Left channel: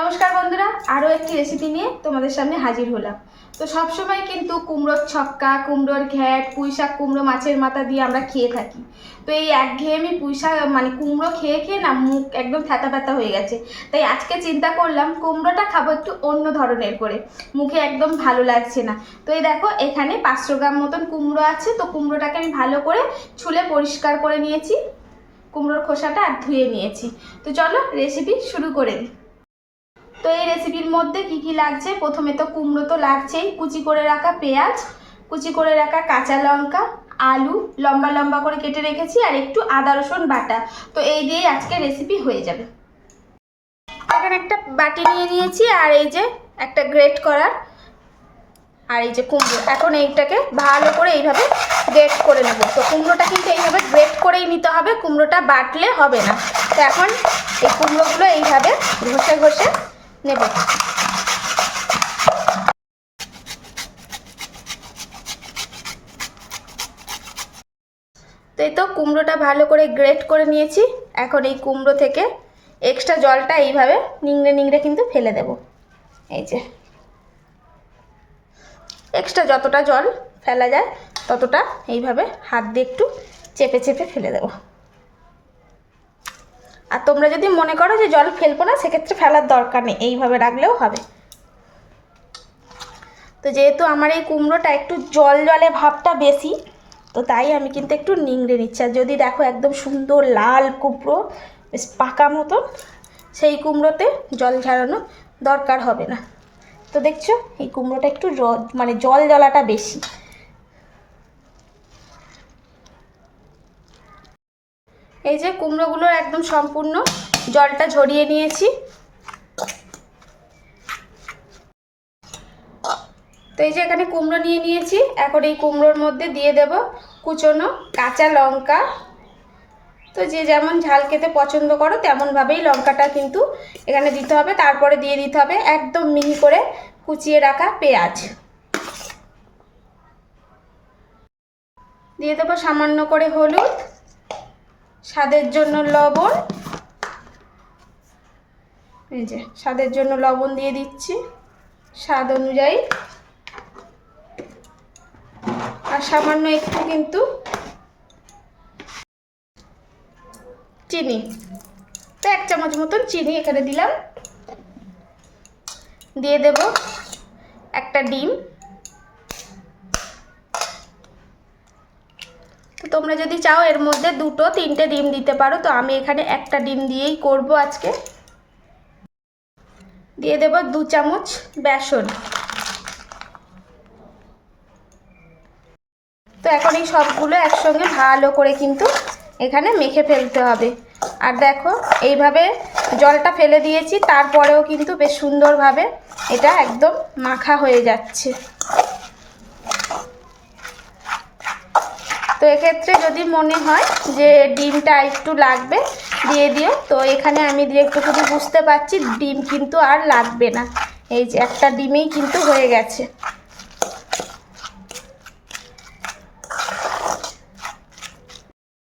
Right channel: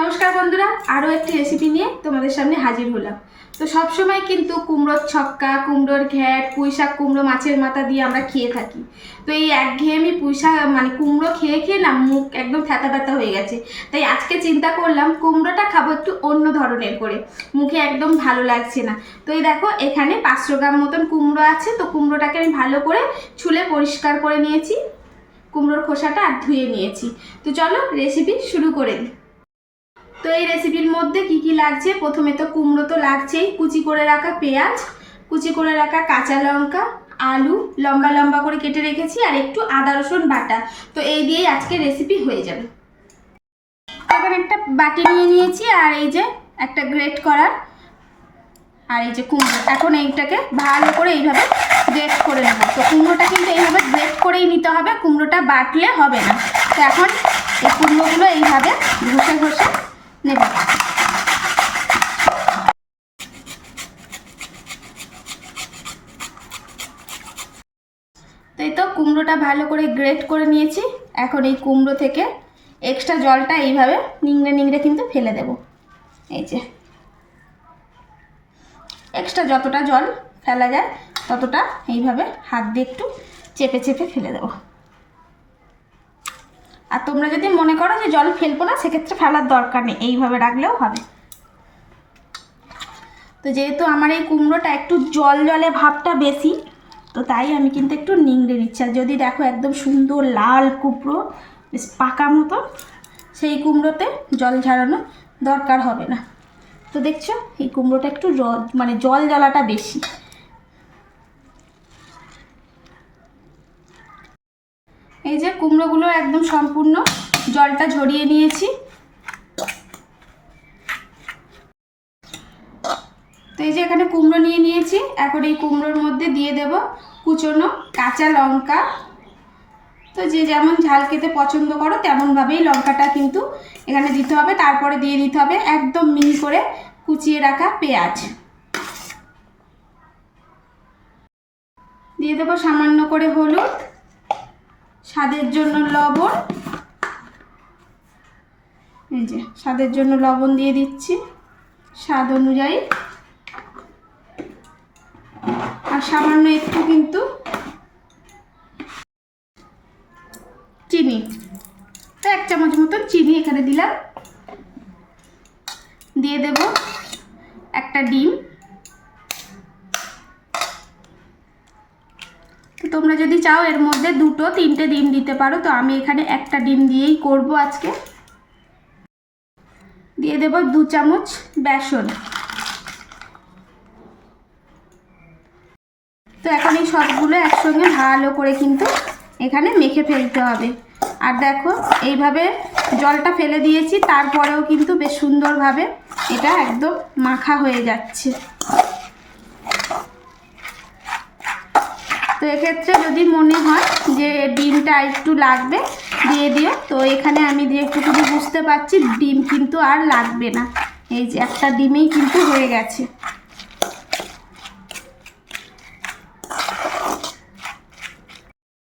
নমস্কার বন্ধুরা, আরও একটি রেসিপি নিয়ে তোমাদের সামনে হাজির হলাম। তো সবসময় কিন্তু কুমড়োর ছক্কা, কুমড়োর ঘ্যাট পুঁই শাক কুমড়ো মাছের মাথা দিয়ে আমরা খেয়ে থাকি। তো এই একঘেয়েমি পুঁই শাক মানে কুমড়ো খেয়ে খেয়ে না মুখ একদম থ্যাতা ব্যথা হয়ে গেছে। তাই আজকে চিন্তা করলাম, কুমড়োটা খাব একটু অন্য ধরনের করে। মুখে একদম ভালো লাগছে না। তো এই দেখো, এখানে পাঁচশো গ্রাম মতন কুমড়ো আছে। তো কুমড়োটাকে আমি ভালো করে ছুলে পরিষ্কার করে নিয়েছি। কুমড়োর খোসাটা আর ধুয়ে নিয়েছি। তো চলো রেসিপি শুরু করে দিই। তো এই রেসিপির মধ্যে কি কি লাগছে? প্রথমে তো কুমড়ো তো লাগছেই। কুচি করে রাখা পেঁয়াজ, কুচি করে রাখা কাঁচা লঙ্কা, আলু, লম্বা লম্বা করে কেটে রেখেছি আর একটু আদা, রসুন বাটা। তো এই দিয়েই আজকে রেসিপি হয়ে যাবে। এখানে একটা বাটি নিয়ে নিয়েছি আর এই যে একটা গ্রেট করার। আর এই যে কুমড়ো। এখন এইটাকে ভালো করে এইভাবে গ্রেট করে নেব। তো কুমড়োটা কিন্তু এইভাবে গ্রেট করেই নিতে হবে। কুমড়োটা বাটলে হবে না। তো এখন এই কুমড়োগুলো এইভাবে ঘষে ঘষে নেব তো এই তো কুমড়োটা ভালো করে গ্রেট করে নিয়েছি। এখন এই কুমড়ো থেকে এক্সট্রা জলটা এইভাবে নিংড়ে নিংড়ে কিন্তু ফেলে দেব। এই যে। এক্সট্রা যতটা জল ফেলা যায়, ততটা এইভাবে হাত দিয়ে একটু চেপে চেপে ফেলে দেবো। আর তোমরা যদি মনে করো যে জল ফেলব না, সেক্ষেত্রে ফেলার দরকার নেই। এইভাবে রাখলেও হবে। তো যেহেতু আমার এই কুমড়োটা একটু জল জলে ভাবটা বেশি, তো তাই আমি কিন্তু একটু নিংড়ে নিচ্ছি। আর যদি দেখো একদম সুন্দর লাল কুমড়ো, বেশ পাকা মতো, সেই কুমড়োতে জল ঝাড়ানো দরকার হবে না। তো দেখছ, এই কুমড়োটা একটু মানে জল জ্বালাটা বেশি। এই যে কুমড়োগুলোর একদম সম্পূর্ণ জলটা ঝরিয়ে নিয়েছি। তো এই যে এখানে কুমড়ো নিয়ে নিয়েছি। এখন এই কুমড়োর মধ্যে দিয়ে দেব কুচনো কাঁচা লঙ্কা। তো যে যেমন ঝাল খেতে পছন্দ করো, তেমনভাবেই লঙ্কাটা কিন্তু এখানে দিতে হবে। তারপরে দিয়ে দিতে হবে একদম মিহি করে কুচিয়ে রাখা পেঁয়াজ। দিয়ে দেবো সামান্য করে হলুদ। স্বাদের জন্য লবণ। এই যে, স্বাদের জন্য লবণ দিয়ে দিচ্ছি। স্বাদ অনুযায়ী। আর সামান্য একটু কিন্তু চিনি। তো এক চামচ মতন চিনি এখানে দিলাম। দিয়ে দেব একটা ডিম। তো তোমরা যদি চাও, এর মধ্যে দুটো, তিনটে ডিম দিতে পারো। তো আমি এখানে একটা ডিম দিয়েই করব আজকে। দিয়ে দেব দু চামচ বেসন। তো এখন এই সবগুলো একসঙ্গে ভালো করে কিন্তু এখানে মেখে ফেলতে হবে। আর দেখো, এইভাবে জলটা ফেলে দিয়েছি, তারপরেও কিন্তু বেশ সুন্দরভাবে এটা একদম মাখা হয়ে যাচ্ছে। তো এক্ষেত্রে যদি মনে হয় যে ডিমটা একটু লাগবে, দিয়ে দিও। তো এখানে আমি দিয়ে একটুখানি বুঝতে পারছি, ডিম কিন্তু আর লাগবে না। এই যে একটা ডিমেই কিন্তু হয়ে গেছে।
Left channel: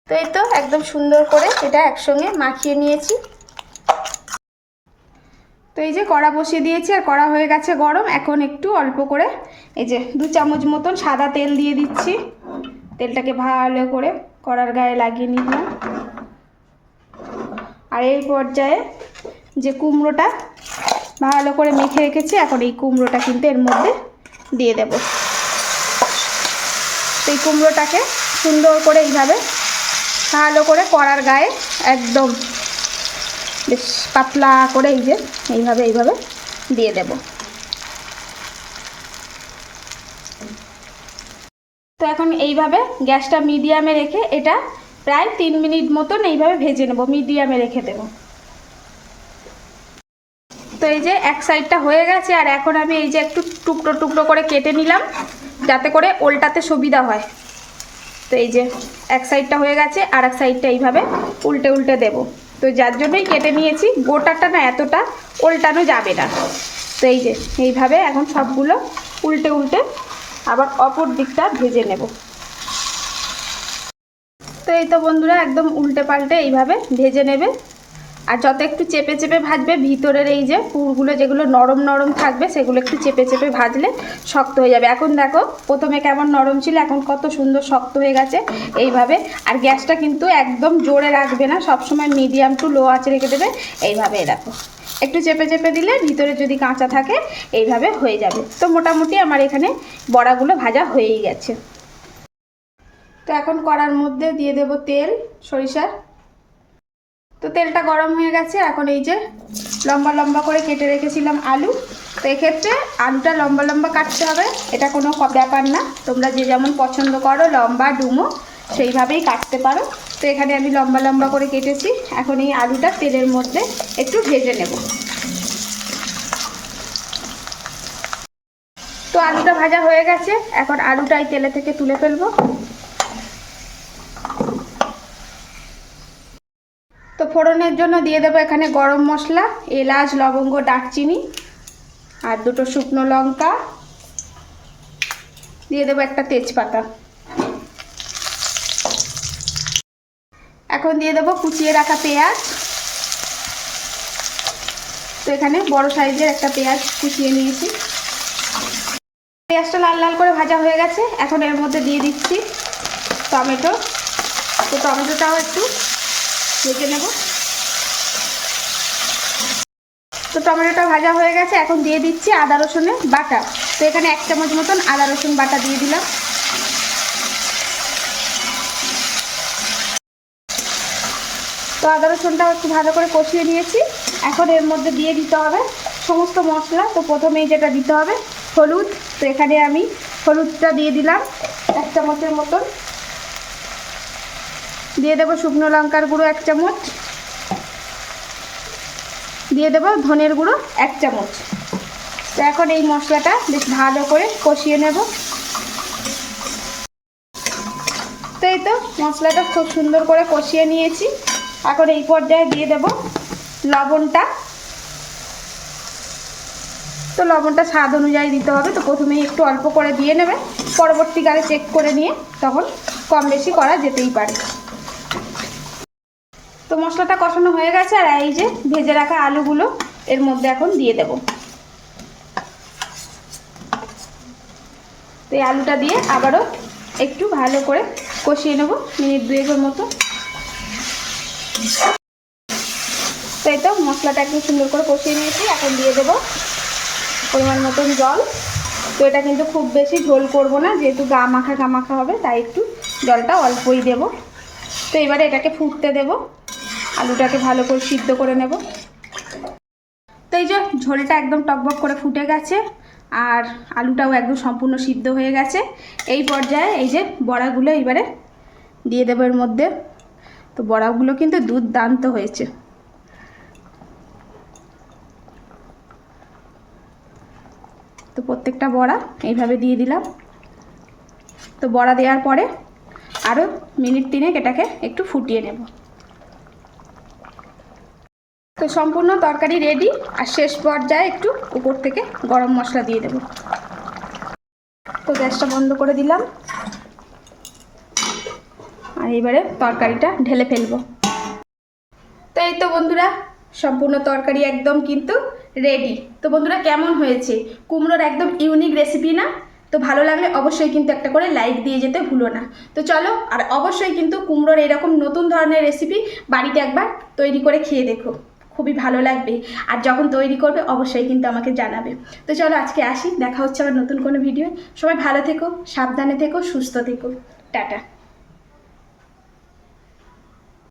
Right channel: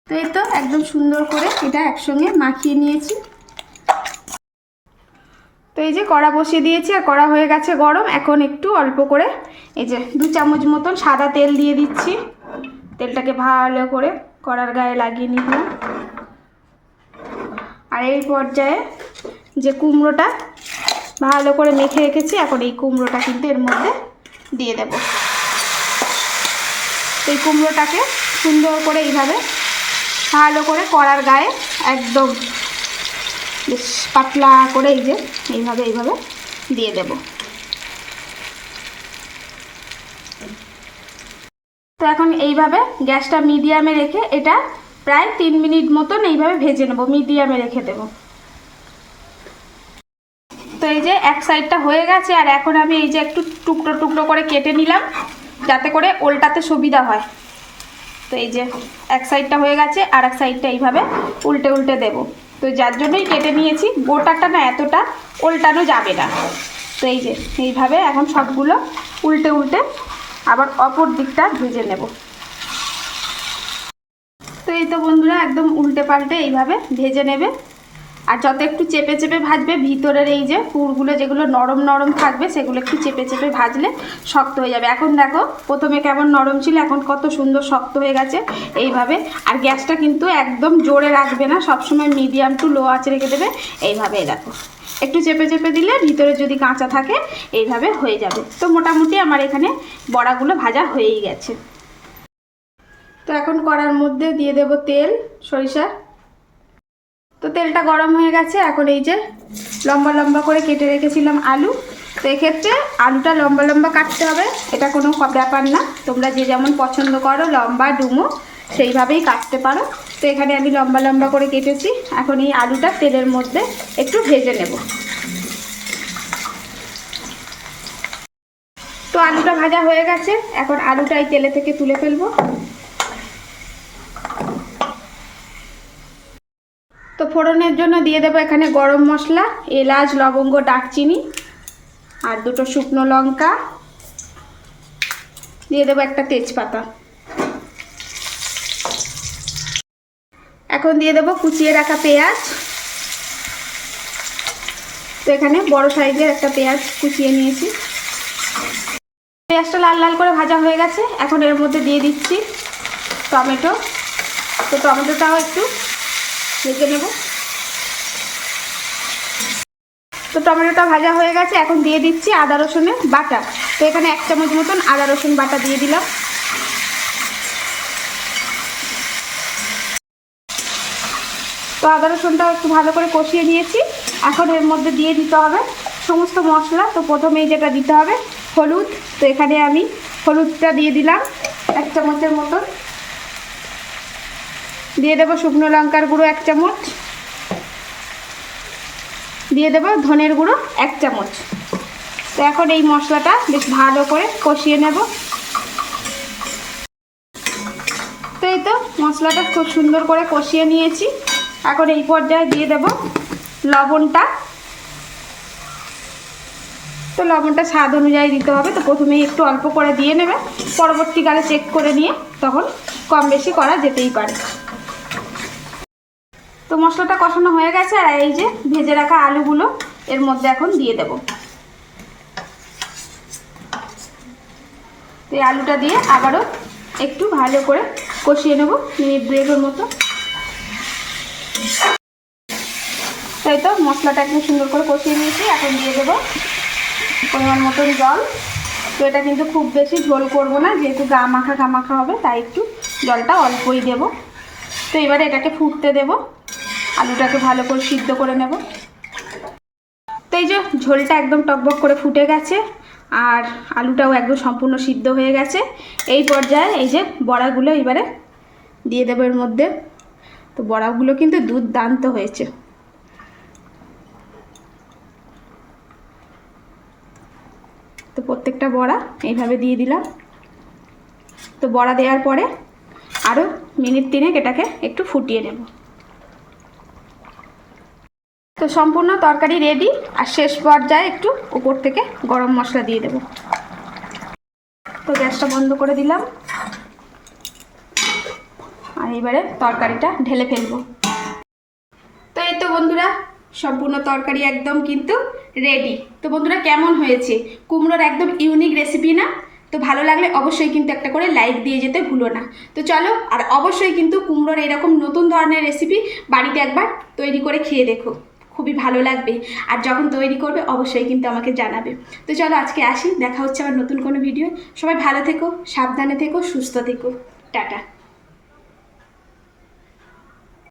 তো এই তো একদম সুন্দর করে এটা একসঙ্গে মাখিয়ে নিয়েছি। তো এই যে কড়া বসিয়ে দিয়েছি, আর কড়া হয়ে গেছে গরম। এখন একটু অল্প করে এই যে দু চামচ মতন সাদা তেল দিয়ে দিচ্ছি। তেলটাকে ভালো করে কড়ার গায়ে লাগিয়ে নিলাম। আর এই পর্যায়ে যে কুমড়োটা ভালো করে মেখে রেখেছি, এখন এই কুমড়োটা কিন্তু এর মধ্যে দিয়ে দেব। এই কুমড়োটাকে সুন্দর করে এইভাবে ভালো করে কড়ার গায়ে একদম বেশ পাতলা করে এই যে এইভাবে এইভাবে দিয়ে দেব। তো এখন এইভাবে গ্যাসটা মিডিয়ামে রেখে এটা প্রায় তিন মিনিট মতন এইভাবে ভেজে নেব, মিডিয়ামে রেখে দেব। তো এই যে এক সাইডটা হয়ে গেছে, আর এখন আমি এই যে একটু টুকরো টুকরো করে কেটে নিলাম, যাতে করে ওল্টাতে সুবিধা হয়। তো এই যে এক সাইডটা হয়ে গেছে, আর এক সাইডটা এইভাবে উল্টে উল্টে দেব। তো যার জন্যই কেটে নিয়েছি, গোটাটা না এতটা উল্টানো যাবে না। তো এই যে এইভাবে এখন সবগুলো উল্টে উল্টে আবার অপর দিকটা ভেজে নেব। তো এই তো বন্ধুরা, একদম উল্টে পাল্টে এইভাবে ভেজে নেবে। আর যত একটু চেপে চেপে ভাজবে, ভিতরের এই যে পুরগুলো যেগুলো নরম নরম থাকবে, সেগুলো একটু চেপে চেপে ভাজলে শক্ত হয়ে যাবে। এখন দেখো, প্রথমে কেমন নরম ছিল, এখন কত সুন্দর শক্ত হয়ে গেছে এইভাবে। আর গ্যাসটা কিন্তু একদম জোরে রাখবে না, সবসময় মিডিয়াম টু লো আঁচে রেখে দেবে। এইভাবে দেখো। একটু চেপে চেপে দিলে ভিতরে যদি কাঁচা থাকে, এইভাবে হয়ে যাবে। তো মোটামুটি আমার এখানে বড়াগুলো ভাজা হয়েই গেছে। তো এখন কড়ার মধ্যে দিয়ে দেব তেল, সরিষার। তো তেলটা গরম হয়ে গেছে, এখন এই যে লম্বা লম্বা করে কেটে রেখেছিলাম আলু। তো এক্ষেত্রে আলুটা লম্বা লম্বা কাটতে হবে, এটা কোনো ব্যাপার না। তোমরা যে যেমন পছন্দ করো, লম্বা, ডুমো, সেইভাবেই কাটতে পারো। তো এখানে আমি লম্বা লম্বা করে কেটেছি। এখন এই আলুটা তেলের মধ্যে একটু ভেজে নেব। তো আলুটা ভাজা হয়ে গেছে। এখন আলুটা এই তেলে থেকে তুলে ফেলব। তো ফোড়নের জন্য দিয়ে দেবো এখানে গরম মশলা, এলাচ, লবঙ্গ দারচিনি আর দুটো শুকনো লঙ্কা। দিয়ে দেবো একটা তেজপাতা। এখন দিয়ে দেবো কুচিয়ে রাখা পেঁয়াজ। তো এখানে বড় সাইজের একটা পেঁয়াজ কুচিয়ে নিয়েছি। পেঁয়াজটা লাল লাল করে ভাজা হয়ে গেছে। এখন এর মধ্যে দিয়ে দিচ্ছি টমেটো। তো টমেটোটাও একটু ভেজে নেব। তো টমেটোটা ভাজা হয়ে গেছে। এখন দিয়ে দিচ্ছি আদা রসুনের বাটা। তো এখানে এক চামচ মতন আদা রসুন বাটা দিয়ে দিলাম। তো আদা রসুনটা একটু ভালো করে কষিয়ে নিয়েছি। এখন এর মধ্যে দিয়ে দিতে হবে সমস্ত মশলা। তো প্রথমেই যেটা দিতে হবে, হলুদ। তো এখানে আমি হলুদটা দিয়ে দিলাম এক চামচের মতন। দিয়ে দেবো শুকনো লঙ্কার গুঁড়ো এক চামচ। দিয়ে দেবো ধনের গুঁড়ো এক চামচ। তো এখন এই মশলাটা বেশ ভালো করে কষিয়ে নেব। তো এই তো মশলাটা খুব সুন্দর করে কষিয়ে নিয়েছি। এখন এই পর্যায়ে দিয়ে দেব লবণটা। তো লবণটা স্বাদ অনুযায়ী দিতে হবে। তো প্রথমেই একটু অল্প করে দিয়ে নেবে। পরবর্তীকালে চেক করে নিয়ে তখন কম বেশি করা যেতেই পারে। তো মশলাটা কষানো হয়ে গেছে আর এই যে ভেজে রাখা আলুগুলো এর মধ্যে এখন দিয়ে দেব। তো এই আলুটা দিয়ে আবারও একটু ভালো করে কষিয়ে নেব। মিনিট দুয়েকের মতো। তাই তো মশলাটা একদম সুন্দর করে কষিয়ে নিয়েছি, এখন দিয়ে দেবো পরিমাণ মতন জল। তো এটা কিন্তু খুব বেশি ঝোল করব না, যেহেতু গা মাখা গা মাখা হবে, তাই একটু জলটা অল্পই দেব। তো এবারে এটাকে ফুটতে দেব, আলুটাকে ভালো করে সিদ্ধ করে নেব। তো এই যে ঝোলটা একদম টকবক করে ফুটে গেছে, আর আলুটাও একদম সম্পূর্ণ সিদ্ধ হয়ে গেছে। এই পর্যায়ে এই যে বড়াগুলো এবারে দিয়ে দেবো এর মধ্যে। তো বড়াগুলো কিন্তু দুধদান্ত হয়েছে। তো প্রত্যেকটা বড়া এইভাবে দিয়ে দিলাম। তো বড়া দেওয়ার পরে আরও মিনিট তিনেক এটাকে একটু ফুটিয়ে নেব। তো সম্পূর্ণ তরকারি রেডি আর শেষ পর্যায়ে একটু উপর থেকে গরম মশলা দিয়ে দেব। তো গ্যাসটা বন্ধ করে দিলাম। আর এবারে তরকারিটা ঢেলে ফেলব। তো এই তো বন্ধুরা, সম্পূর্ণ তরকারি একদম কিন্তু রেডি তো বন্ধুরা, কেমন হয়েছে? কুমড়োর একদম ইউনিক রেসিপি না? তো ভালো লাগলে অবশ্যই কিন্তু একটা করে লাইক দিয়ে যেতে ভুলো না। তো চলো, আর অবশ্যই কিন্তু কুমড়োর এরকম নতুন ধরনের রেসিপি বাড়িতে একবার তৈরি করে খেয়ে দেখো। খুবই ভালো লাগবে। আর যখন তৈরি করবে, অবশ্যই কিন্তু আমাকে জানাবে। তো চলো, আজকে আসি। দেখা হচ্ছে আমার নতুন কোনো ভিডিও সবাই ভালো থেকো, সাবধানে থেকো, সুস্থ থেকো। টাটা।